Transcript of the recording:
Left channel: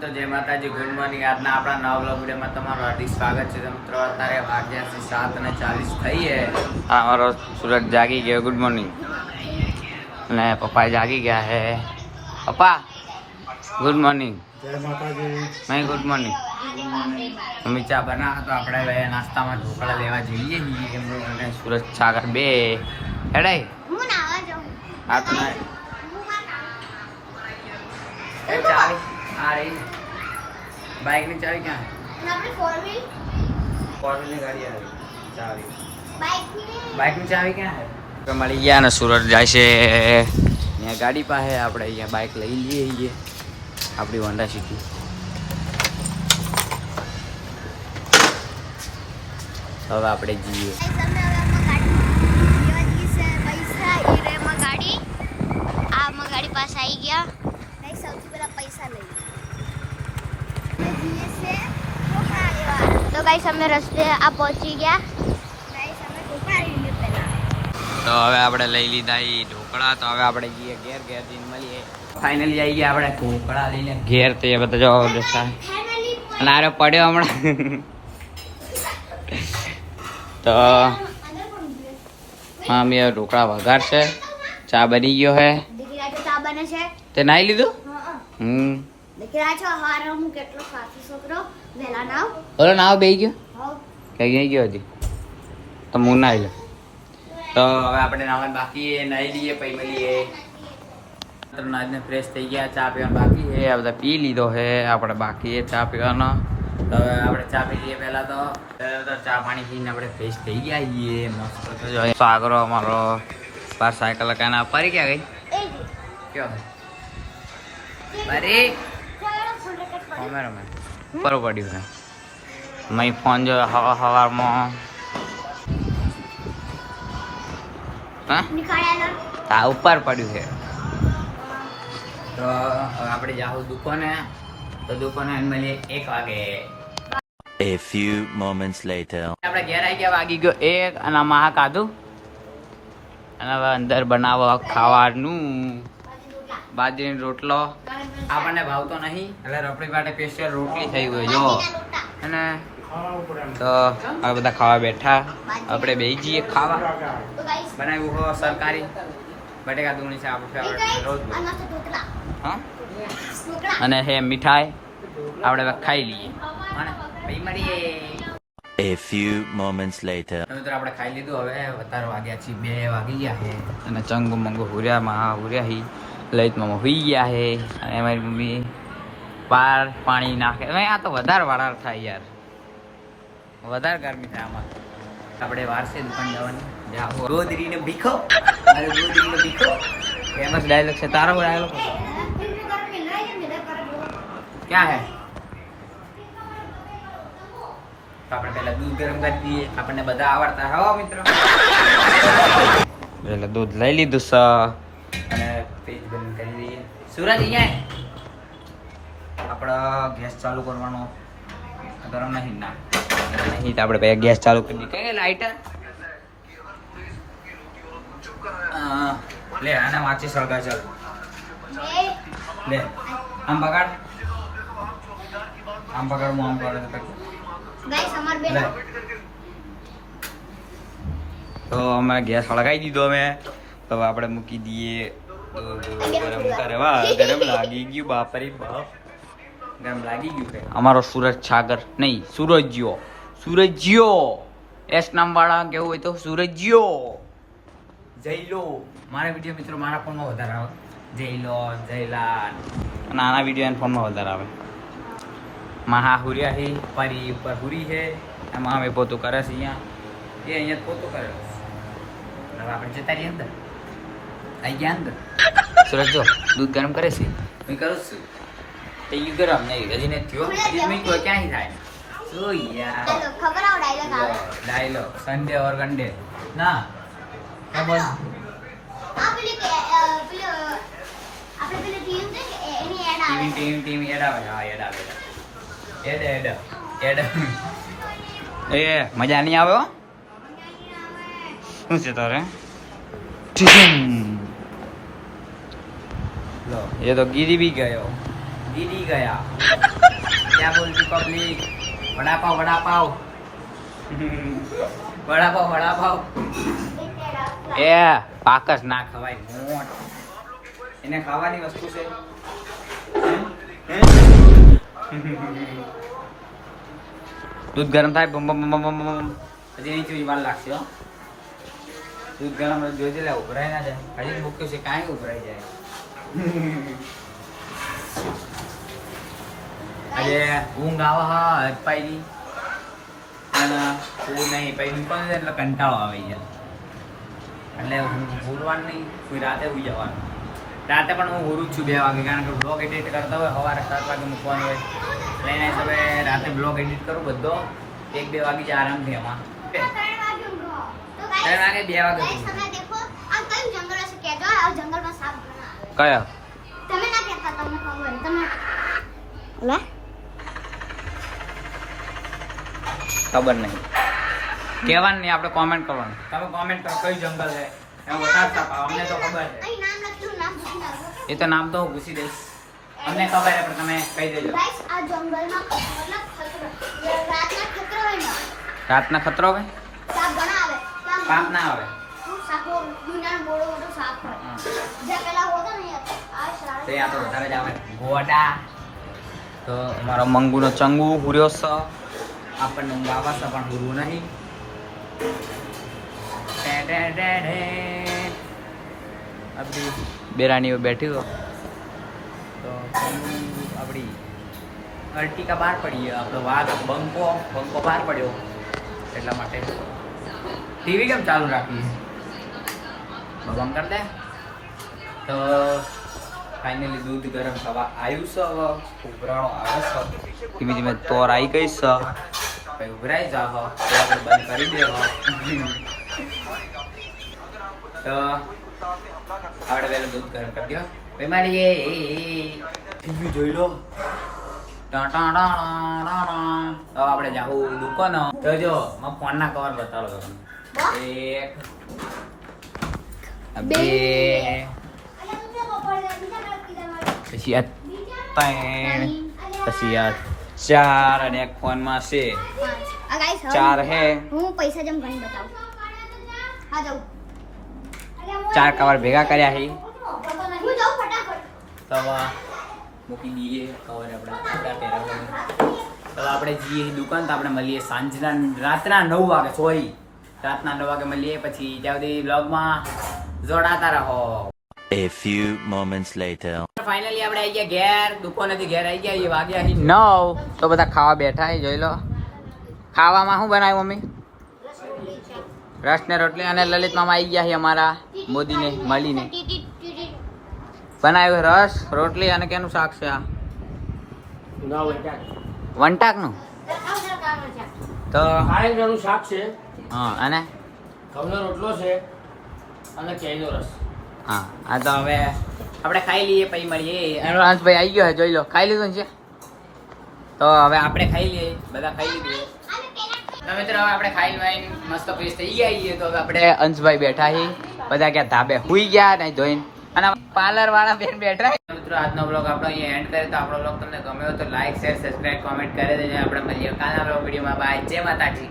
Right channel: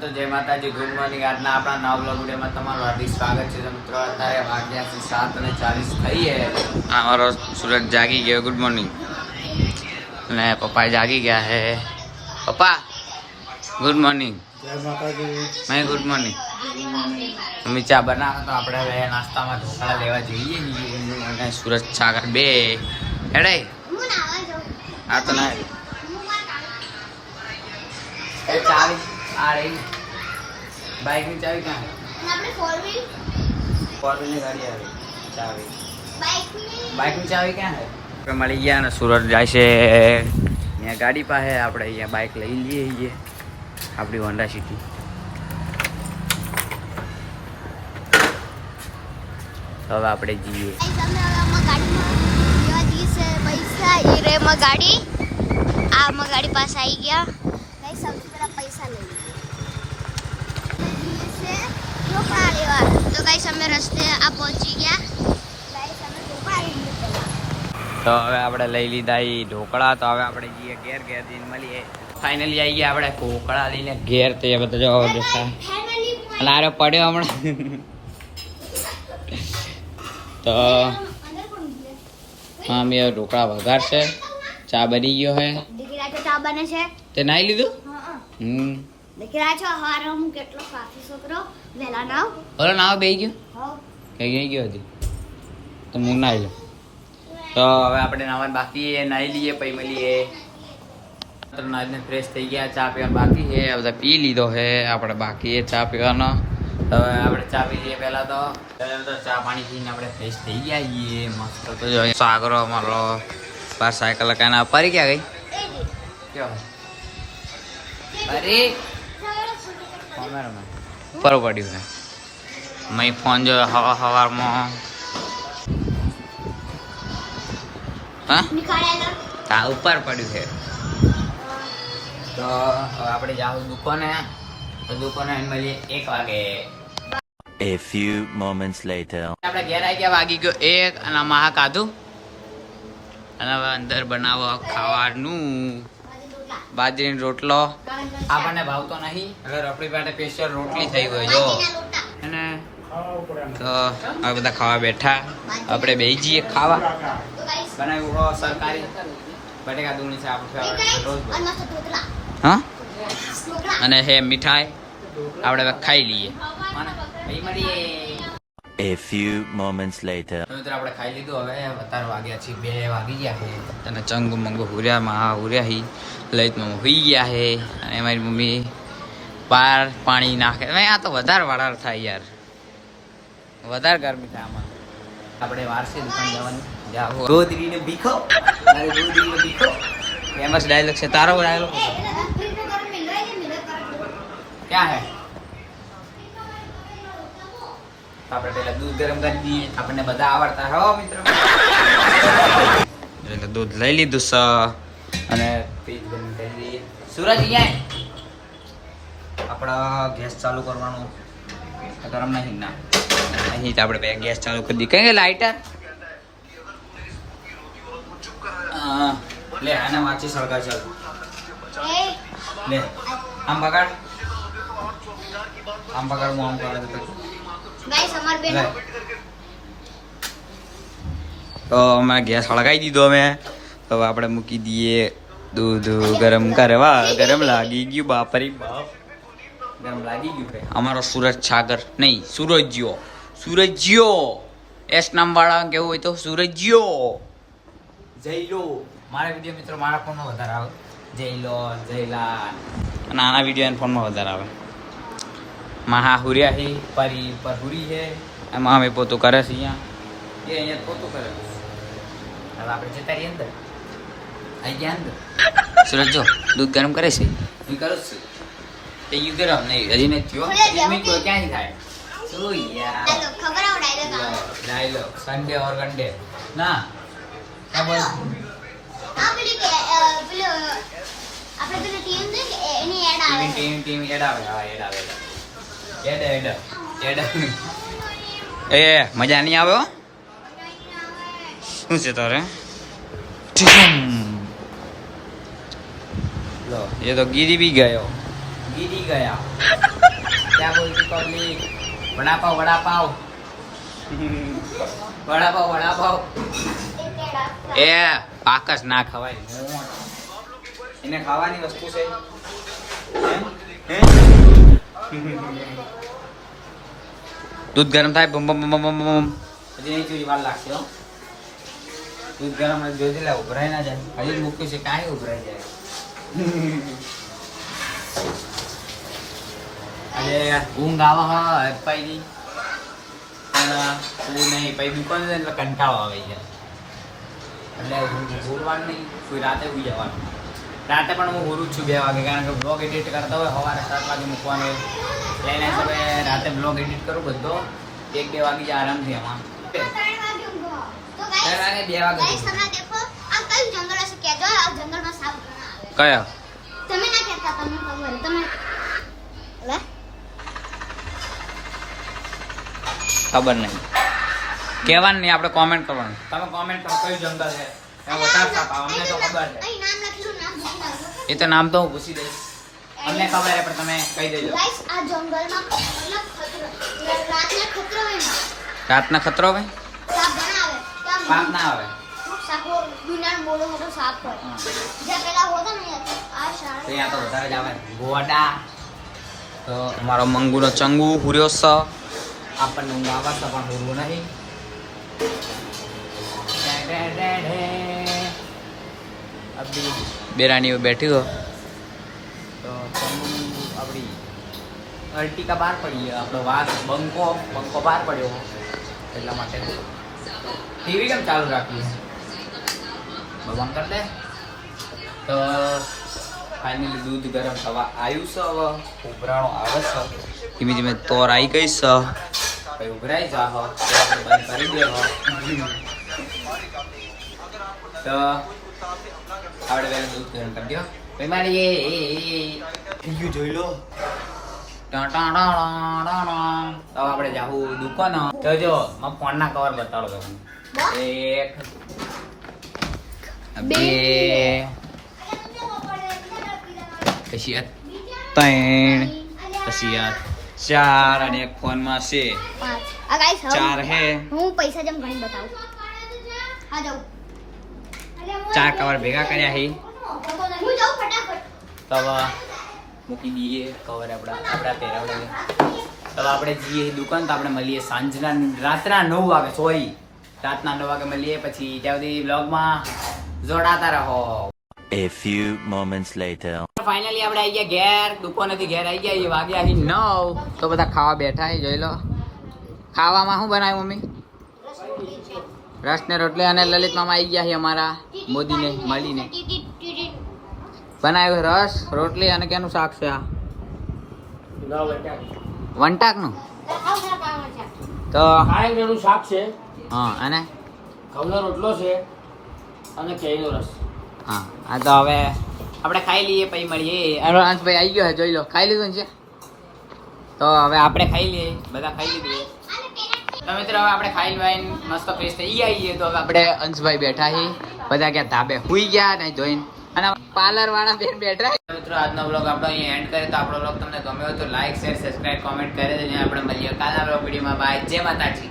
તો જય માતાજી ગુડ મોર્નિંગ. આજના આપણા નવ વિડીયોમાં તમારું હાર્દિક સ્વાગત છે. મિત્રો અત્યારે વાગ્યાથી સાત અને ચાલીસ થઈ છે. હા અમારો સુરત જાગી ગયો. Good morning. અને પપ્પા જાગી ગયા હે. પપ્પા ગુડ મોર્નિંગ. જય માતાજી. મેં ગુડ મોર્નિંગ. મમ્મી ચા બનાવો તો આપણે હવે નાસ્તામાં ઢોકળા લેવા જઈએ અને સુરત સાગર બે. હેડાઈ હા તમે ચાવી આ રહી. બાઇકની ચાવી ક્યાં? ફોર વ્હીલની ગાડી આવી. ચાવી. બાઇકની ચાવી ક્યાં હે મળી ગયા ને સુરત જાય છે. અહીંયા ગાડી પાસે આપણે અહીંયા બાઇક લઈ લઈએ છીએ. આપણી હોન્ડા સિટી હવે આપણે જઈએ. ગાડી આ માં ગાડી પાસે આવી ગયા. નહીં સૌથી પહેલા પૈસા લઈ તો ગાઈસ અમે રસ્તે આ પહોંચી ગયા. તો હવે આપણે લઈ લીધા એ ઢોકળા. તો હવે આપણે જઈએ ઘેર ઘેર જઈને મળીએ. ફાઇનલી આવી ગયા આપણે ઢોકળા લઈને ઘેર તો એ બધા જો દોસ્તા અને આરે પડ્યો હમણાં. તો હા મેં ઢોકળા વઘાર છે ચા બની ગયો હે. દીકરા ચા બને છે. તે નાઈ લીધું? હમ. દીકરા છો? હાર હું કેટલો સાચો છોકરો? વહેલા નાવ. બોલો નાવ બે ગયો. હોવ. કઈ ગઈ ગયો હજી? તો હું નાઈ લઉં તો હવે આપણે નાવાનું બાકી છે નાઈ લઈએ પછી મળીએ. નાઈને ફ્રેશ થઈ ગયા ચા પીવાનું બાકી છે. આ બધા પી લીધો છે આપણે બાકી ચા પીવાનો. તો આપણે ચા પી લઈએ પહેલાં તો. તો ચા પાણી પીને આપણે ફ્રેશ થઈ ગયા છીએ મસ્ત. તો જો સાગરો અમારો બાર સાયકલ કાના પારી ક્યાં ગઈ એ કયો? પરી કેમેરામેન ઉપર પડ્યું છે. મેં ફોન જો હવા હવારમાં. હા? ઉપર પડ્યું છે. તો હવે આપણે જાવું દુકાને. તો દુકાને મળીએ એક વાગે. A few moments later. આપણે ઘેર આવી ગયા વાગી ગયો એક. અને આમાં હા કાધું. અને હવે અંદર બનાવો ખાવાનું. બાજરીનો રોટલો. આપણને ભાવતો નહીં. હવે રોટલી માટે સ્પેશિયલ રોટલી થઈ ગઈ જો. અને તો હવે બધા ખાવા બેઠા. આપણે બે જઈએ ખાવા. બનાવ્યું હો સરકારી. બટેકા દૂણી છે આપણે રોજ હા? અને હે મીઠાઈ આપણે હવે ખાઈ લઈએ. અને પછી મળીએ. A few moments later. તો મિત્રો આપણે ખાઈ લીધું. હવે અત્યારે વાગ્યા છે બે વાગી ગયા છે. અને ચંગુ મંગુ હુર્યા માં હુર્યા હી. લલિતમાં હુઈ ગયા છે અને મારી મમ્મી બહાર પાણી નાખે. આ તો વધારે વાળાર થાય યાર. વધારે ગરમી થાય આમાં. આપણે વારસે દુકાન જવાની. જાઓ ગોદરીને ભીખો. ગોદરીને ભીખો. ફેમસ ડાયલોગ છે તારો ડાયલોગ ક્યાં હે? આપણે પહેલા દૂધ ગરમ કરી દઈએ. આપણને બધા આવડતા હો મિત્રો. એટલે દૂધ લઈ લીધું સ ફ્રીજ બંધ કરી દઈએ. સુરજ અહીંયા. આપણે ગેસ ચાલુ કરવાનો ગરમ નહીં ના. અહીં તો આપણે પહેલાં ગેસ ચાલુ કરી દઈએ. કઈ લાઇટર લે આના માચી સળગા ચાલ. લે આમ બગાડ આમ બગાડ હું આમ કરે લે. તો અમે ગેસ સળગાવી દીધો અમે. તો આપણે મૂકી દઈએ. દૂધ, ગરમ કરવા, ગરમ લાગી ગયું, બાપરી બાપ. ગરમ લાગી ગયું છે અમારો સુરજ સાગર નહીં, સુરજ્યો. સુરજ્યો. એસ નામ વાળા કેવું હોય તો સુરજ્યો. જય લો. મારા વીડિયો મિત્રો મારા ફોનમાં વધારે આવે. જય લો જયલાલ અને આના વીડિયો એના ફોનમાં વધારે આવે. મહા હુર્યા હી, પરી પર હુરી હે. એમાં અમે પોતું કરે છે અહીંયા. એ અહીંયા પોતું કરે છે. હવે આપણે જતા રહીએ અંદર. આવી ગયા અંદર. સુરજ જો દૂધ ગરમ કરે છે? હું કરું છું. તે યુ ગરમ નહીં હજી નથી થયો. હજી મેં કોઈ ક્યાંય થાય? શું યાર? ખબર આવો ડાયલોગ ડાયલોગ. સન્ડે ઓર ગન્ડે ના. ખબર આ પેલી કે પેલો આપણે પેલી ટીમ છે એની એડ આવે ટીમ ટીમ એડ આવે હા એડ આવે એડ એડ. એડ. એ મજા નહીં આવે હો? શું છે તારે? લો. એ તો ગીરી બી ગયો. ગીરી ગયા. ક્યાં બોલતી પબ્લિક વડાપાવ વડાપાવ. વડાપાવ વડાપાવ. એ પાકસ ના ખવાય. મોટ. એને ખાવાની વસ્તુ છે? દૂધ ગરમ થાય બમ બમ બમ બમ બમ. હજી નહીં ચીજ વાર લાગશે દૂધ ગરમ જોઈ દે ઉભરાય ના જાય. હજી મૂક્યું છે કાંઈ ઉભરાઈ જાય. અરે ઊંઘ આવે હા અપાઈની પણ ઊંઘ નહીં પછી દુકાન છે? એટલે કંટાળો આવે છે. એટલે હું ભૂલવાનું નહીં કોઈ રાતે ઉઈ જવાનું. રાતે પણ હું ગુરુ જ છું બે વાગે કારણ કે બ્લોગ એડિટ કરતા હોય સવારે સાત વાગે મૂકવાનું હોય. એટલે એના હિસાબે રાતે બ્લોગ એડિટ કરું બધો. એક બે વાગે જ આરામથી એમાં. ત્રણ વાગે બે વાગે ગાઈસ તમે દેખો આ કયું જંગલ હશે કહેજો આ જંગલમાં સાપ ઘણા આવે કયા? તમે ના કહેતા તમને ખબર તમે ખબર નહીં. કહેવાનું નહીં આપણે કોમેન્ટ કરવાનું. તમે કોમેન્ટ કરો કયું જંગલ છે? અમને તો ખબર છે. એ તો નામ તો હું પૂછી દઈશ. અમને ખબર છે પણ તમે કહી દેજો. ગાઈસ આ જંગલમાં ખતરો રાતના ખતરો હોય રાતના ખતરો આવે પાપ ના આવે. સાપો દુનિયાનો બોડો મોટો સાપ હોય હા. જે પેલા હોતો ને આ તો શાળા ત્યાં તો વધારે જ આવે. ગોડા. તો અમારો મંગુનો ચંગુ હુર્યો છે આપણને ઊંઘ આવે છે પણ હુરવું નહીં. ટે ટે ટે ટે. આપણી બેરાણીઓ બેઠી હો તો ચંગુ આપણી અર્ટિકા બહાર પડી આપણો વાઘ બંકો બંકો બહાર પડ્યો. એટલા માટે. ટીવી કેમ ચાલુ રાખી ભગવાન કર દે. તો ફાઇનલી દૂધ ગરમ થવા આવ્યું છે હવે. ઉભરાણો આવે છે. ધીમે ધીમે તોર આવી ગઈ છે. ભાઈ ઉભરાઈ જા હો. તો આપણે બંધ કરી દે હો. તો આપણે પહેલા દૂધ ગરમ કરી દો ભાઈ મારી એ થઈ ગયું જોઈ લો. તો આપણે જાવું દુકાન. તો જો ફોનના કવર બતાડો તમને. એક બે પછી આ ત્રણ પછી આ ચાર અને એક ફોનમાં છે ચાર હે હું પૈસા જેમ ઘણી બતાવું હા જાઉં ચાર કવર ભેગા કર્યા હે હું જાઉં ફટાફટ તો મૂકી દઈએ કવર આપણા આપણા પહેરાવડાવીએ તો આપણે જઈએ દુકાન તો આપણે મળીએ સાંજના રાતના નવ વાગે સોરી રાતના નવ વાગે મળીએ પછી ત્યાં સુધી બ્લોગમાં જોડાતા રહો. A few moments later. Finally આપણે આવી ગયા ઘેર. દુકાનેથી ઘેર આવી ગયા એ વાગ્યા અહીં નવ. તો બધા ખાવા બેઠા છે જોઈ લો. ખાવામાં શું બનાવ્યું મમ્મી? રસ ને રોટલી અને લલિત મામા આવી ગયા છે અમારા મોદીને મળીને. બનાવ્યું રસ રોટલી અને કેનું શાક છે આ? વંટાકનું તો શાક છે. હા અને? રોટલો છે. અને કેરીનો રસ. હા આ તો હવે આપણે ખાઈ લઈએ પછી મળીએ. એનો અંશભાઈ આવી ગયો છે જોઈ લો. ખાઈ લીધું છે? તો હવે આપણે ખાઈ લઈએ બધા ખાઈ લીધું. તો મિત્રો હવે આપણે ખાઈ લઈને મસ્ત ફ્રેશ થઈ ગયા છીએ. તો હવે આપણે અંશભાઈ બેઠા છીએ. બધા ક્યાં ધાબે સુઈ ગયા ને જોઈને અને પાર્લર વાળા બેન બેઠા મિત્રો આજનો બ્લોગ આપણો અહીંયા એન્ડ કર્યો તો આપણો બ્લોગ તમને ગમ્યો તો લાઈક શેર સબસ્ક્રાઇબ કોમેન્ટ કરી દેજો. આપણે મળીએ કાલના બ્લોગ વિડીયોમાં. બાય જય માતાજી.